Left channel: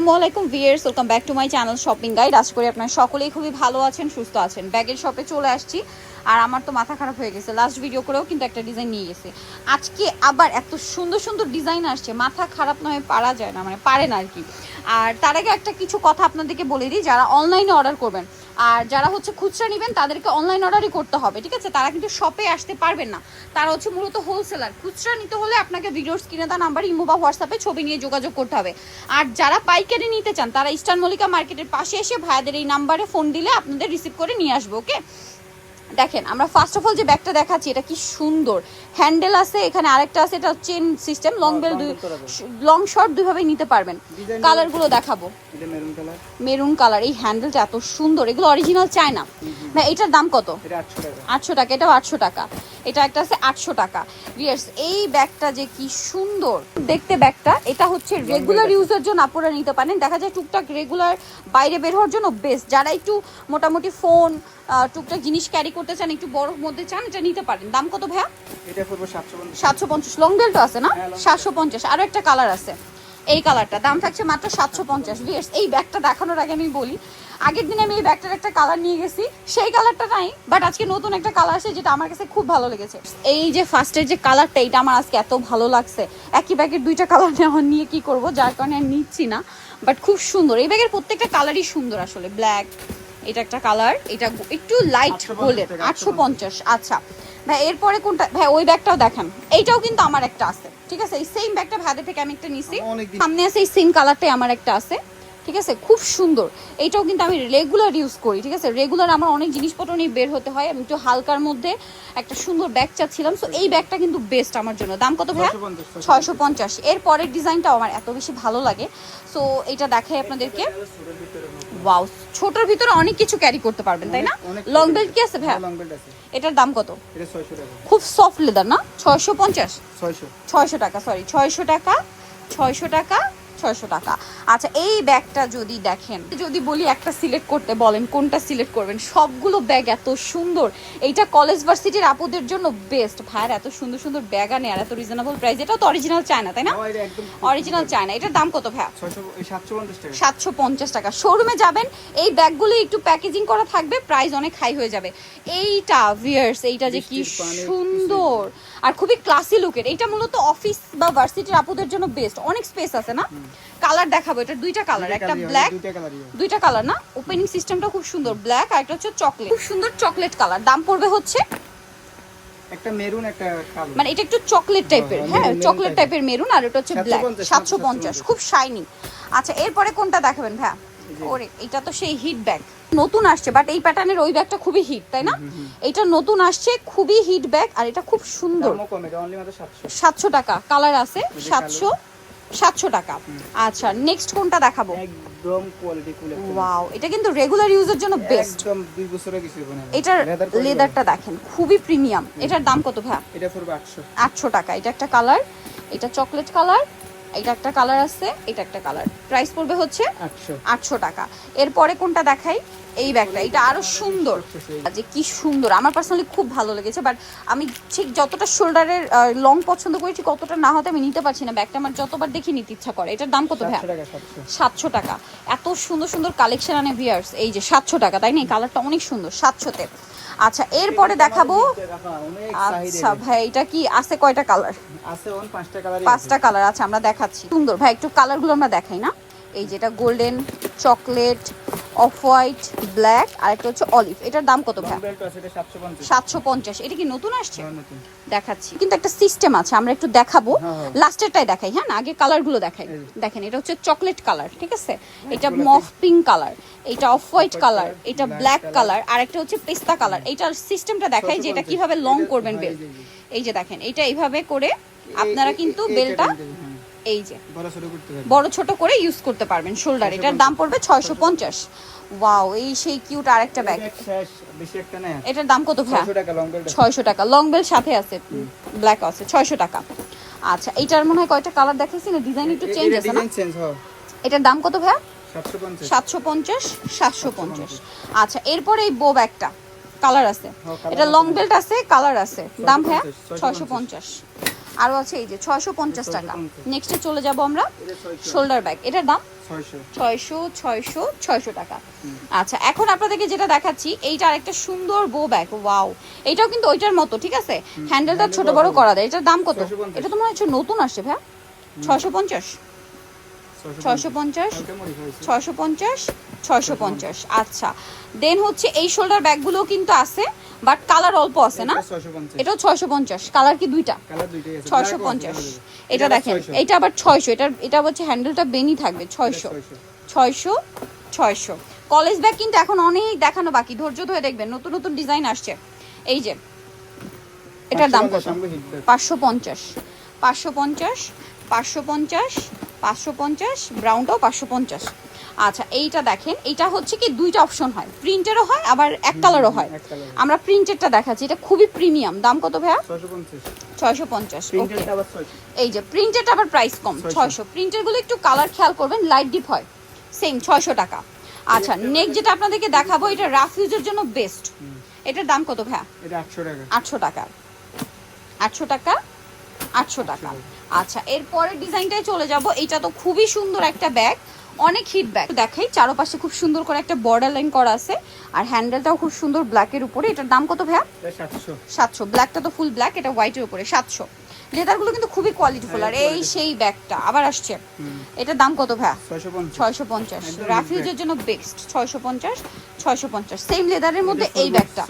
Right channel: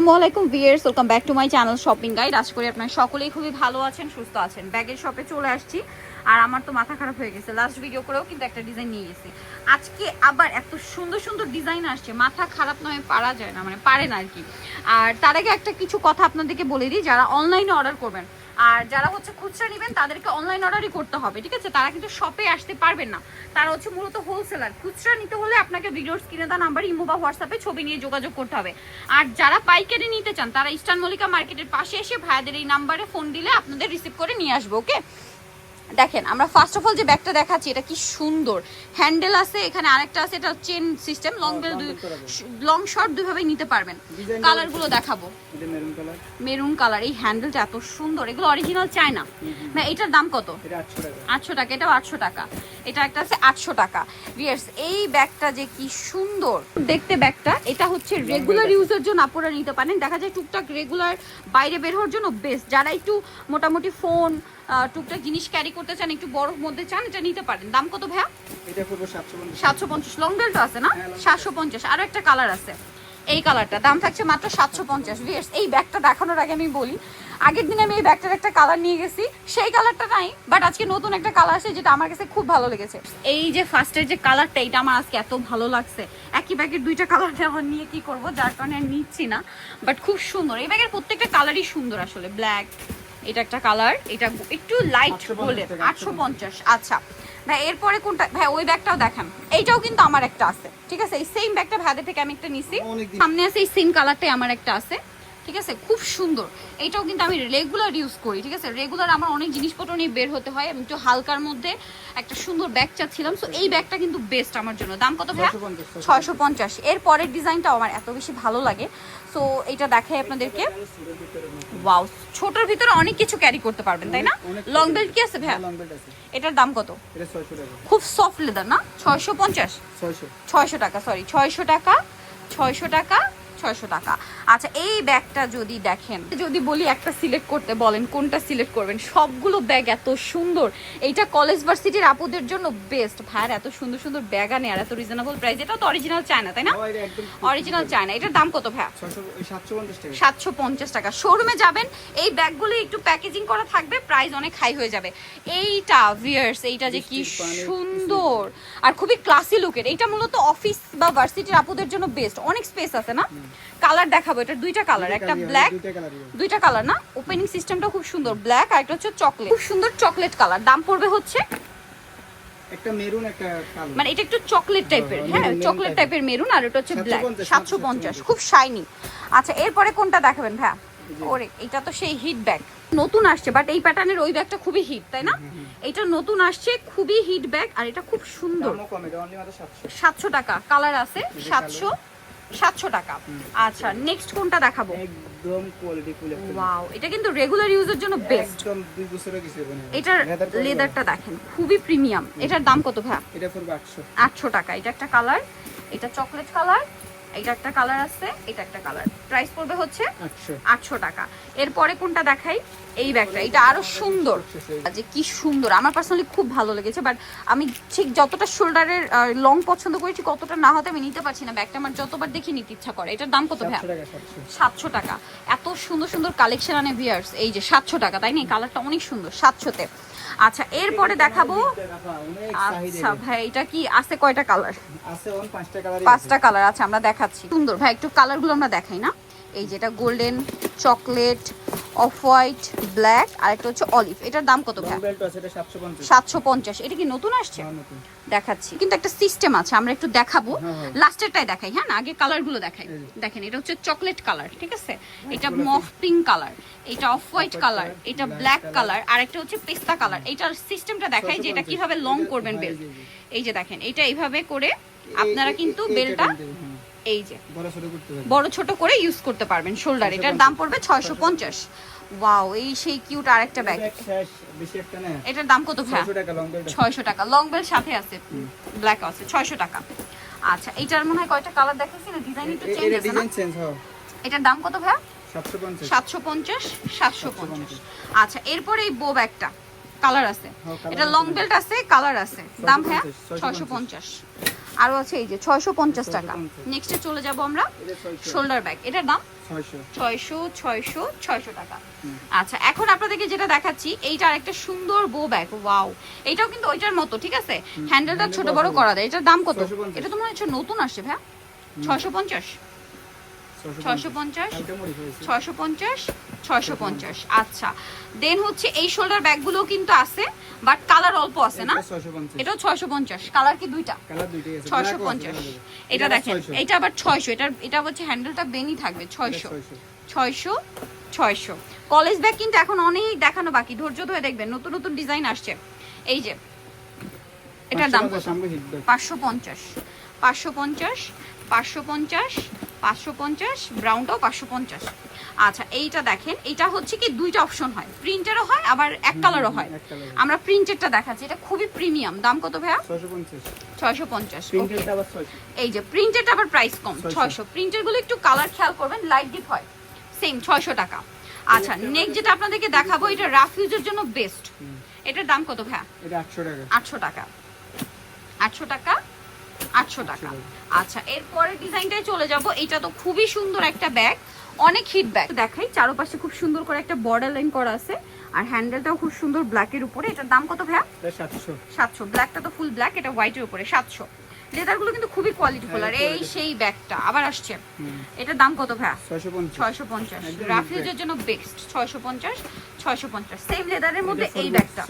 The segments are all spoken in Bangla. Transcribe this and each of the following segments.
আসসালামু আলাইকুম viewers welcome back to my channel shopping guide. আশা করি আপনারা সকলেই খুবই ভালো আছেন, সুস্থ আছেন। ব্যাগের শপে চলে আসছি। আর আমার তো মাথা খারাপ হয়ে গেছে। লাস্ট ভিডিও করেও কিন্তু একটা ডিজাইন নিয়ে গেছে। আজকে আবার এত সুন্দর সুন্দর ডিজাইন আসছে। মাথা খারাপ নয় পারা যায় না মানে পারে না আর কি আর তার আগে একটা কিছু কথা আপনাদেরকে বলে দিই, যারা অনলাইনে অর্ডার করবেন। আর যারা হচ্ছে খুচরা নেবেন, তাদেরকে অনলাইন অর্ডারই করতে হবে, ঠিক আছে? তারা কিন্তু শপে আসতে পারবেন না। তারা হচ্ছে মূলত হোলসেলার খুচরা নিতে হলে আপনাকে ভিডিওর স্ক্রিনে দেওয়া নাম্বার ইমো বা হোয়াটসঅ্যাপে ছবি নিয়ে যোগাযোগ করতে হবে। আর যারা পাইকারি নিতে চান, তারা ইস্টার্ন মল্লিকা মার্কেটের পাশে এসে ভাইয়াদের এই নাম্বারে ফোন দিলে আপনাদের রিসিভ করে নিয়ে আসব ওকে দেখেন আমরা ফার্স্ট অফ অল যে ব্যাগটা দেখাচ্ছি এটা কি সুন্দর। হ্যান্ডেল আছে এখানে আরেকটা আছে এটা চেন সিস্টেম লং বেল দুই লং শর্ট দুইভাবেই নিতে পারবেন। কালারগুলো দেখাবো। এটা মেরুন কালার মেরুন কালার এই হ্যান্ডেলটা এত সুন্দর এগুলো অরিজিনাল চায় না এটার দাম কত? আটশো টাকা। এটাও আটশো টাকা। এটা একটা আছে আটশো টাকা। ভিয়ার্স এই ব্যাগটা যে কি সুন্দর। দেখতে ব্যাগটা এটা হচ্ছে রেগুলার ইউজের জন্য আপনারা নিতে পারেন। দেখা যায় টুকটাক রেগুলার বাইরে বের হওয়ার জন্য বেস্ট যারা একটু মোটামুটি ফোন টুকটাক জিনিস ক্যারি করতে চান একটু বড় মধ্যে চান এটা নিতে পারেন। দাম কত ভাইয়া? সাতশো পঞ্চাশ। লং বেল্ট আছে না? হ্যাঁ, সাতশো পঞ্চাশ। আরও একটা কালার আছে। এই কালারটা দাম থাকছে মাত্র সাতশো পঞ্চাশ। এই ব্যাগটা দেখানোর আগে আমি বলি আগের দিন আমি এই ব্যাগটার একটা কালার নিয়ে গেছি। সেই কালারটা নাই বাট আজকে নতুন একটা কালার আছে যেটা আমার কাছে খুব ভালো লেগেছে। এই যে ফার্স্টের যে কালারটা এটা আমার আজকে এত ভালো লাগছে। একই ব্যাগের দুইটা কালার নেওয়া নিয়ে কি করব যার কারণে আর নিচ্ছি না বাট খুব সুন্দর। এই ব্যাগের প্রত্যেকটা কালারই সুন্দর আসলে। ব্ল্যাক এটা একটা কালার এটা একটু লাইট 850 বলে টাকা, আটশো পঞ্চাশ। আচ্ছা। ভাই এরপরে কোনটা ভাই ওই ব্যাগটাও দেখান। এইটাও কিন্তু আমার একটা আছে। ঠিক আছে? এই সেম ব্যাগটা ভাইদের থেকে আমি একটা নিছি। সামনে আছে এই সেম কালারটাই আমার একটা আছে। ঠিক আছে? খুব সুন্দর। এইটাও কিন্তু আমি রেগুলার ইউজ করি ঠিক আছে? রেগুলার আমার অনেক জিনিসপত্র নিয়ে বের হতে হয়। আমি একটু হালকার মধ্যে একটা সুন্দর ব্যাগ চাচ্ছিলাম। সো এই ব্যাগটা কিন্তু বেস্ট আমার জন্য। দাম কত 650 ছয়শো পঞ্চাশ। এর পরের ডিজাইনটাও আমার এত বেশি ভালো লাগে। সো এটা দেখাই আপনাদেরকে। ওয়াও ছোটর ভিতরে অনেক কিছু ক্যারি করতে পারবেন তাই না? লং বেল্ট কি আছে বেল্ট আছে। এটার দাম কত? খুব সফট লেদার না? ছয়শো পঞ্চাশ? ছয়শো। টাকা সরি ছয়শো টাকা ছয়শো টাকা ছয়শো টাকা। আচ্ছা এই ব্যাগটা যদি দেখেন যদি বলি একটা সিলেক্ট করতে বলেন কোনটা সিলেক্ট করবেন? সবগুলো ব্যাগ এত সুন্দর। এইটা কলেজ ভার্সিটির আপুদের জন্য বেস্ট ভাইয়ার এত সুন্দর সুন্দর ব্যাগ আনে আর এত রিজনেবল প্রাইস এটা তো অরিজিনাল চায়না তাই না? অরিজিনাল চায়না এটার দাম কত ভাইয়া? সাতশো পঞ্চাশ টাকা। সাতশো পঞ্চাশ টাকা। শোরুমে যাবেন এই ব্যাগগুলো একটু প্যাকেজিং করা থাকবে প্রাইস অনেক হাই হয়ে যাবে। এইটা ভিয়ার্স এইটা যে কি সুন্দর। আর খুবই ক্লাসি লুকের এটা মূলত অফিস বা ভার্সিটির আপুদের জন্য বেস্ট অনেক স্পেস আছে না? কালার দেখাবো এটা দুইটা কালার একটা ব্ল্যাক দুইটা কালার না? ওপেনিং সিস্টেমটা খুব সুন্দর ব্ল্যাক আর একটা হচ্ছে চকলেট খুব সুন্দর চকলেট কালার দাম পড়বে হচ্ছে একটা মেরুন একটা কালো। মানে এটা একটু চকলেট টাইপের হ্যাঁ, হ্যাঁ চকলেট টাইপের মেরুন আর এটা হচ্ছে ব্ল্যাক 750, সাতশো পঞ্চাশ খুব শাইনি আচ্ছা এরপরে কোনটা দেখাবেন জি। ওরে এটা তো সেই হিট ব্যাগ নতুন আসছে বাট এই প্যাটার্নের ওই ব্যাগটা খুবই হিট তাই না? এটা নতুন আসছে খুবই হিট ব্যাগ আর এটা খুব সুন্দর। সাতশো। টাকা কালার আছে সাতশো সাতশো টাকা। আচ্ছা নেক্সট কোনটা দেখাবো? একদম কোয়ালিটি ফুল ওয়াও এটা কিন্তু রেগুলার ইউজের জন্য বেস্ট একদম দুই মানে এটার লেদারটা দেখেন খুবই প্রিমিয়াম এটার দাম কত ভাইয়া? এটা পড়বে টাকা এটা একটা কালার এটা চকলেট কালার এটা একটা কালার আছে এটা একটা কালার প্রাইস পড়বে হচ্ছে আটশো। টাকা। এরপরে কোনটা দেখাই? এই ব্যাগটা এটা আরও সুন্দর। যে কি সুন্দর। আমার পার্সোনালি খুব ভালো লেগেছে বাট আমি ঠিক যতটা শোল্ডারের লং পছন্দ করেছি কতটা না হতে আমি নিতে পারছি না। ব্যাগটা আমার যতবার দেখি নিতে ইচ্ছা করে। এটার দাম কত ভাইয়া? সাতশো টাকা এত সুন্দর সুন্দর কালেকশন আনে ভিয়ার্স এই যে সাতশো টাকা তাই না? এই কালারটা অনেক সুন্দর সাতশোতে। আচ্ছা এরপরে দেখাবো। আচ্ছা ভাই এটা কি? আছে কয়টা কালার আছে পাঁচটা কালার পাঁচটা কালার আছে আমরা দেখাচ্ছি। সুন্দর ভাই একটু কালারগুলো আমরা দেখাই না। এই যেটা golden chocolate off white black আর একটা হচ্ছে অলিভ। এটার দাম কত ভাই বেল্ট সাতশো পঞ্চাশ। এটা কি নতুন আসছে? হ্যাঁ, দেখাচ্ছি। কিন্তু একটা সিস্টেম আছে আমরা একটু দেখাবো। হ্যাঁ, হ্যাঁ। লাস্টেরটাই দেখাই হ্যাঁ না? আগে কালারগুলো দেখাই। দেখেন এটা হচ্ছে চকলেট কালার ঠিক আছে? এটা মফ পিঙ্ক কালার এটা অফ হোয়াইট কালার এটা ব্ল্যাক কালার আর একটা হচ্ছে পেস্তা কালার এটার সিস্টেমটা দেখাই যে এটা কীভাবে লং করবেন হ্যাঁ, বেল। এই যে, দেখেন এটা এইভাবে করে আপনারা কিন্তু বেলটা হ্যাঁ। এই যে। বড় ছোট করে ইউজ করতে পারবেন শোল্ডার এটার দাম পড়বে ছয়শো পঞ্চাশ। ওয়াও এই সেই কিউট ব্যাগ বেশি একটা না? এটার দাম কত ভাইয়া? ছয়শো টাকা লং বেল সাথে আছে ব্ল্যাক আছে ছয়শো টাকা। আচ্ছা এটার মনে হয় কয়টা কালার দেখাইছি না? ডিজাইন একটু চেঞ্জ আছে না? হয়। এটার দাম কত ভাইয়া? সাতশো পঞ্চাশ। সাতশো পঞ্চাশ আচ্ছা এরপরে এই বো ব্যাগটা কালার আছে। হ্যাঁ, এটা লং বেল্ট আছে কালার আছে। দাম ভাইয়া? 650, ছয়শো পঞ্চাশ। আরও আছে এই যে ছয়শো পঞ্চাশ টাকা। 650 নেক্সটে চলে যাব আমরা শোল্ডার ব্যাগ এটার দাম? ছয়শো। ছয়শো ছয়শো টাকা। আচ্ছা এখন আপনাদেরকে যেটা দেখাচ্ছি এইটা একটা সুন্দর বো ব্যাগ ওয়াও এটাও কিন্তু ওইটার মতো ঠিক আছে? হ্যান্ডেলটা ছোট বড়। করা দেয় এটার দাম কত? এটা তো মনে হচ্ছে নতুন আসছে ভাইয়া। ছয়শো পঞ্চাশ। ছয়শো পঞ্চাশ। ছয়শো পঞ্চাশ। ছয়শো পঞ্চাশ আচ্ছা দেন হচ্ছে এই শোল্ডার ব্যাগগুলো কিন্তু আছে। বাট কালার অল্প আছে না? এটাও ছয়শো পঞ্চাশ। কালার কি দুইটা? ছয়শো পঞ্চাশ। এটা দেখেন এটা আবার ছয়শো। এটা এটা হচ্ছে হ্যান্ডেলটা বেনি থাকবে ছয়শো। ছয়শো। ছয়শো কলেজ ব্যাগ কিন্তু এখন অনেক দেখানো বাকি। ধৈর্য ধরে দেখবেন নতুন নতুন ডিজাইন আসছে। এই যে এটার দাম 550 কত? সামনে hit back। পাঁচশো পঞ্চাশ। পাঁচশো পঞ্চাশ পাঁচশো পঞ্চাশ পাঁচশো পঞ্চাশ ব্রাউনটাও পাঁচশো পঞ্চাশ। আচ্ছা এইটা দেখেন এটা হচ্ছে কি দুইটা অপশন হয়। প্রিন্টেরও হয় আবার এক কালারও হয়। আমরা প্রিন্টেডটা দেখাচ্ছি এটা খুবই প্রিমিয়াম দাম কত ভাইয়া? ছয়শো পঞ্চাশ। এই যে প্রিন্টেড আবার প্রাইস কম 600 ছয়শো। প্রিন্টেরগুলো একটু কালার খেয়াল করবেন লাইট ডিপ হয়। সেম ছয়শো টাকা। আচ্ছা নেক্সট যেটা আপনাদেরকে দেখাবো এটা রাফিউজের জন্য বেস্ট। এটার দাম কত ভাইয়া? এটা আটশো টাকা। আটশো টাকা। আটশো টাকা? আটশো টাকা। আচ্ছা এরপরের ডিজাইনটায় চলে যাব। এটা তো খুবই সুন্দর একটা ব্যাগ অনেক হিট ব্যাগ দেখাই চারপাশে খুব সুন্দর করে একটা বর্ডার লাইন করা আছে। আর হ্যান্ডেলটাও খুব সুন্দর ব্ল্যাকের উপরে। এটার দাম কত ভাইয়া? সাতশো। সাতশো। ব্ল্যাকটা তো ফুল ব্ল্যাক এটা হোয়াইটের উপরে সাতশো। লেদারগুলো কিন্তু খুবই কোয়ালিটিফুল আর হ্যাঁ, এই সেই ব্যাগটা আবার আসছে। এটার দাম কত ভাইয়া? ছয়শো পঞ্চাশ। রাফিউজের জন্য বেস্ট ছয়শো পঞ্চাশ ছয়শো পঞ্চাশ। সেম লেদারের মধ্যে এই ব্যাগটা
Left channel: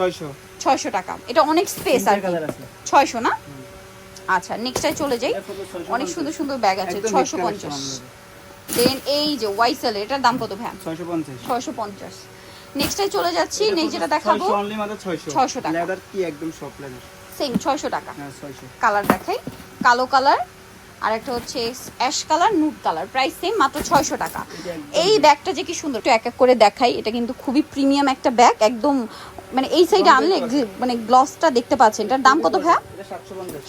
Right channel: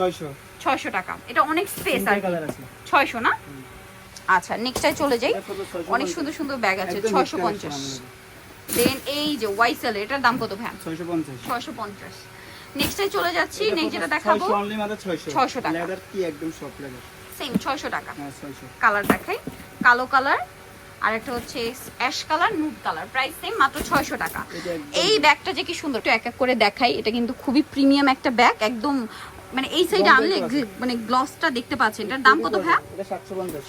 ছয়শো। টাকা। এটা অনেক স্পেস আর ছয়শো না। আচ্ছা নেক্সটাই চলে যাই। এটা পড়বে 650 অনেক সুন্দর সুন্দর ব্যাগ আছে ছয়শো পঞ্চাশ। দেন এই যে ওয়াইসেল এটার দাম কত ভাই ছয়শো পঞ্চাশ। ছয়শো পঞ্চাশ। চলে যাচ্ছি নেক্সট যেটা দেখাবো 600 only মাত্র 600 600 টাকা। লেদার কি একদম সফট লেদার সেম ছয়শো টাকা। হ্যাঁ 600 কালার দেখাই। কালো কালার আর একটা হচ্ছে ash colour nude colour price same মাত্র ছয়শো টাকা। এই ব্যাগটা যে কি সুন্দর। একটু এক এক করে দেখাই। এটা কিন্তু খুবই প্রিমিয়াম একটা ব্যাগ একদম মানে এই সাইডে আনলে মানে গ্লসটা দেখতে পাচ্ছেন। এটার দাম কত ভাইয়া?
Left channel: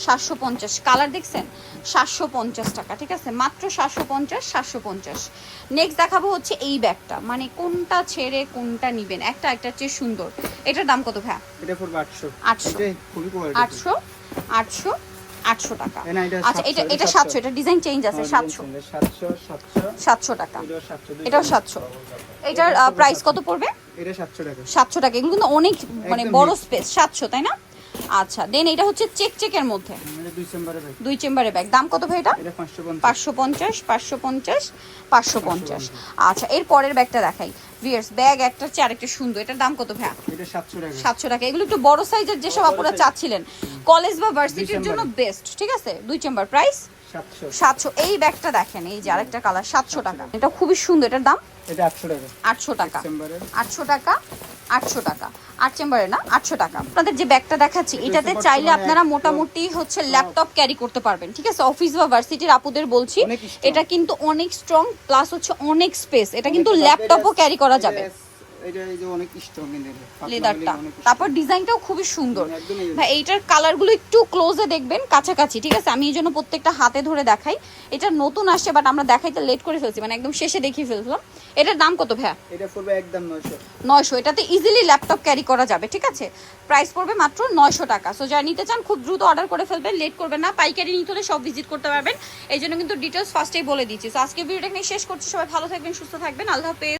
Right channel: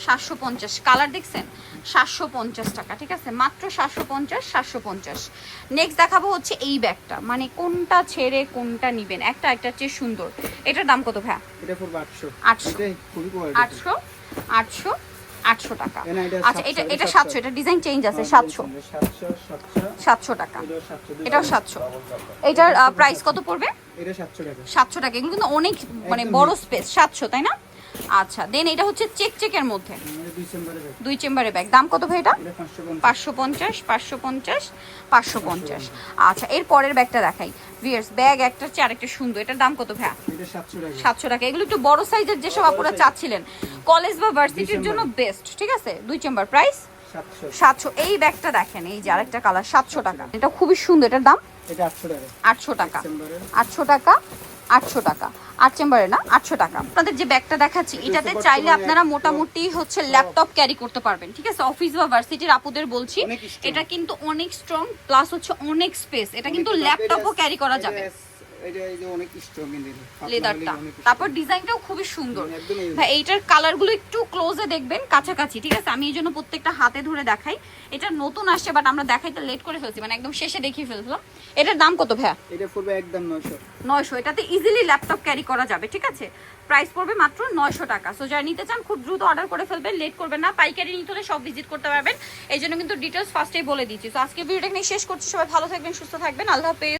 সাতশো পঞ্চাশ। কালার দেখছেন? সাতশো পঞ্চাশ টাকা ঠিক আছে? মাত্র সাতশো পঞ্চাশ সাতশো পঞ্চাশ। নেক্সট দেখাবো হচ্ছে এই ব্যাগটা। মানে কোনটা ছেড়ে কোনটা নিবেন? একটা একটা চেয়ে সুন্দর। এটার দাম কত ভাইয়া? এটা পড়বে 800 800 এটা খুবই কোয়ালিটি আটশো আটশো আটশো টাকা। আচ্ছা এটা এটা সাতশো। এটা ডিজাইন চেঞ্জ আছে সাতশো। 700 700 সাতশো টাকা। এটাও সাতশো এটার প্রাইস কত পড়বে? এটা 700 টাকা। কিন্তু অনেক মানে বড় স্পেস সাতশো তাই না? আচ্ছা দেন এটা হচ্ছে চেক চেকের মধ্যে দুই চেম্বারের ব্যাগ দাম কত ভাই এটা? এটা 550 পাঁচশো পঞ্চাশ পাঁচশো পঞ্চাশ পাঁচশো পঞ্চাশ। আচ্ছা এর পরের ব্যাগটা দেখাই। ভিয়ার্স ব্যাগ একটা হচ্ছে আরেকটা সুন্দর। এটার দাম কত 700 টাকা। সাতশো টাকা। এগুলো একটু বড় সাইজের যেসব আপনারা চাচ্ছিলেন। কলেজ বা ভার্সিটির জন্য বেস্ট ঠিক আছে? দুই চেম্বার। প্রাইস 700 সাতশো। এই ব্যাগটা দেখেন এই যে আরেকটা কালার সাতশো টাকা। এটা খুবই সুন্দর এটার দাম? এটা 800 টাকা। আটশো টাকা। আটশো টাকা আটশো টাকা। আট চেম্বারে না? আটশো টাকা। আপনাদের যে ব্যাগটা দেখাচ্ছি এটাতে চাইলে আপনারা মোটামুটি হচ্ছে ল্যাপটপ ক্যারি করতে পারবেন ঠিক আছে? অফিস বা ভার্সিটির আপুদের বলছি এটা কিন্তু অনেক স্ট্রং প্লাস হচ্ছে অনেক স্পেস এটা কিন্তু ল্যাপটপও ক্যারি করা যাবে। এটা এই যে অনেক স্ট্রং লেদারটা। তারপর ডিজাইনটাও খুবই সুন্দর। ভাই এইটার কালারগুলো একটু ক্লোজে দেখবেন কাছাকাছি ঠিক আছে? আমি এই জন্য প্রত্যেকটা হাতে ধরে দেখাই। এটা নতুন আসছে বাট আমরা দেখাইতে লেট করে ফেলছি মানে একদম শেষে দেখিয়ে ফেলছিলাম। এটার দাম কত ভাইয়া? এটা পড়বে একদম 900 এটাতে ইজিলি ল্যাপটপ ক্যারি করা যাবে ঠিক আছে? প্রাইস পড়বে মাত্র নয়শো টাকা। সো যারা নিতে চান খুব দ্রুত অর্ডার করে ফেলবেন লেট করবেন না। পাইকারি নিতে হলে সব ভিজিট করতে পারবেন। এই জন্য কিন্তু ডিটেলস ফার্স্টেই বলে দিচ্ছি। তো আজকে ভিডিওটা এখানে শেষ করছি। সবাই ভালো থাকবেন সুস্থ থাকবেন। আল্লাহ হাফেজ।